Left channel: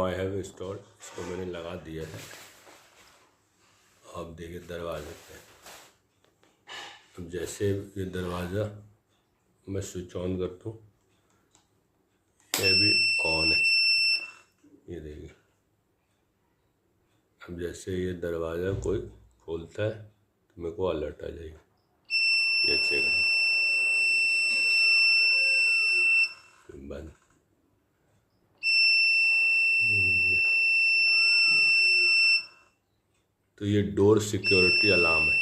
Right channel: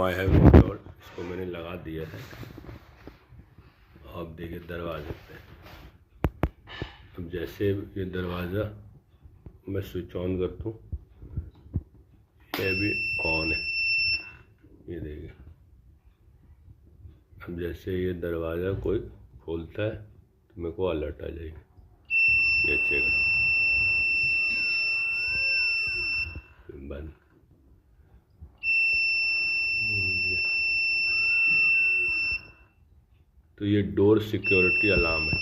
I have installed, इसको मैंने लगा दिया है। आप देखिए दरवाजे पे, अब जैसे ये दरवाज़ा मैं स्विच ऑन करता हूँ, ये भी ऑन है, ये देखिए। अब जैसे ये दरवाज़ा कोई खोलता है तो मेरे को अलर्ट आ जाएगी, ये चेक करो, बंद। तो ये डोर सिक्योरिटी अलार्म है।